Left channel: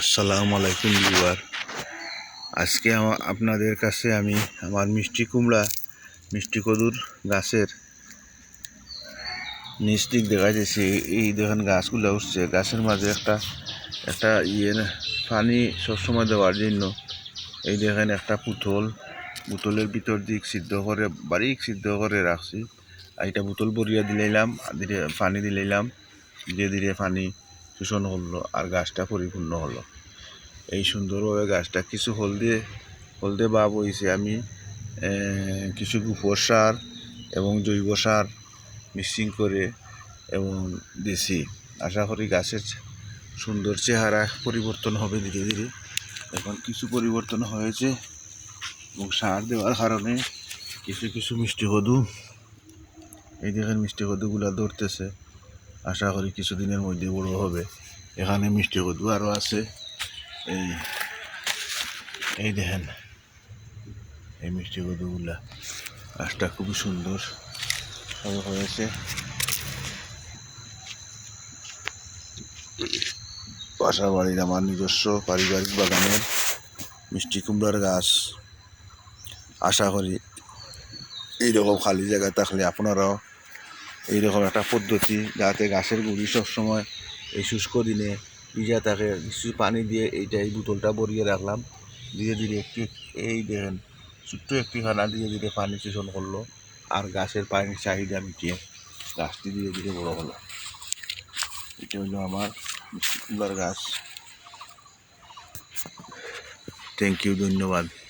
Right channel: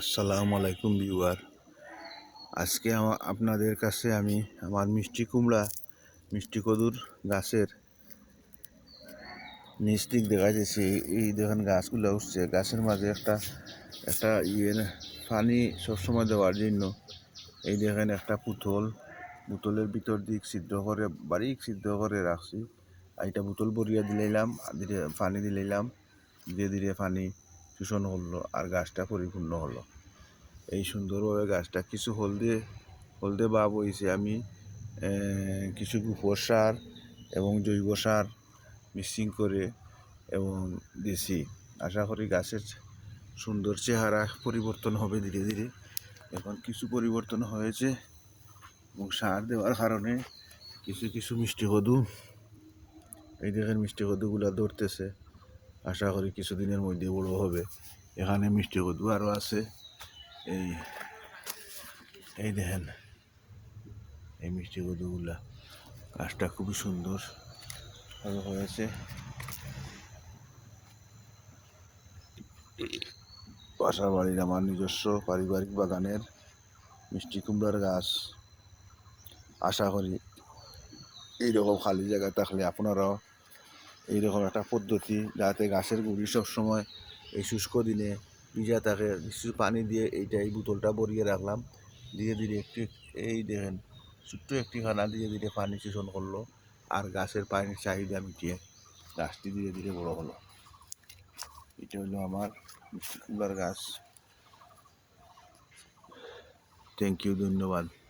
আসসালামু আলাইকুম ভিউয়ার। আজকে আপনাদের কাছে আমি আমার মিষ্টি কুমড়া, মিষ্টি কদুর গাছের নিচ দিক দেখা যাচ্ছে এই দেখেন গাছগুলো উঠছে। গাছের মাঝে একটা একটা ইয়ে পানি সবসময় দেওয়ার জন্য। এই দেখেন একটা পুতুল। বোতলের ভিতর দিক সিদ্ধ করে, বারিক সিদ্ধ করে রাখছি। আর এটা বোতল বরিয়া দিলাম ধীরে পানি দিলাম ধীরে ধীরে পানি শোষণ হলো আর গাছটা পরিপূর্ণ হলো। এই সুন্দরভাবে গাছটা কিছু হলদে হলদে ভাব হয়েছে আমি কিছু গোবর সার এবং জৈব সার মিক্সিং করে এবং দিছি আশা করি গাছের সুন্দর চেহারা পরিবর্তন হবে ধীরে ধীরে। এখন কিছু পরিবর্তন হয়েছে এবং সার দেওয়ার কারণে কিছু কিছু মিষ্টি কদু এই দেখেন মিষ্টি কদুগুলো ধরতেছে। আশা করি কিছুদিনের মধ্যে বড় হবে। এখানে মিষ্টি কদু আরও আছে। এই এই দেখেন, এই মিষ্টি কদুগুলা। গাছটা খুবই সুন্দর সব হয়েছে। বাসা বাড়ির আমার নিজস্ব পারিবারিক বাগানের মিষ্টি কুমড়ার গাছ। আশা করি এইরকম খালি জায়গা থাকলে আপনারাও এইরকম একটা পদ্ধতি যাতে গাছের গুড়ি সবসময় এই শুষ্ক দিনে ভিজা থাকে। কিছু পানি দিয়ে এইটা এই বোতলটা ভরিয়ে রাখলাম। ধীরে ধীরে একটু এই দেখেন, ছোট্ট একটি খানা ধীরে ধীরে পানি শোষণ করল। আর গাছের পানির চাহিদা মিটিয়ে গাছটি ধীরে ধীরে বড় হলো। এটা হলো আমার কুমড়ার গাছ। থ্যাংক ইউ ধন্যবাদ।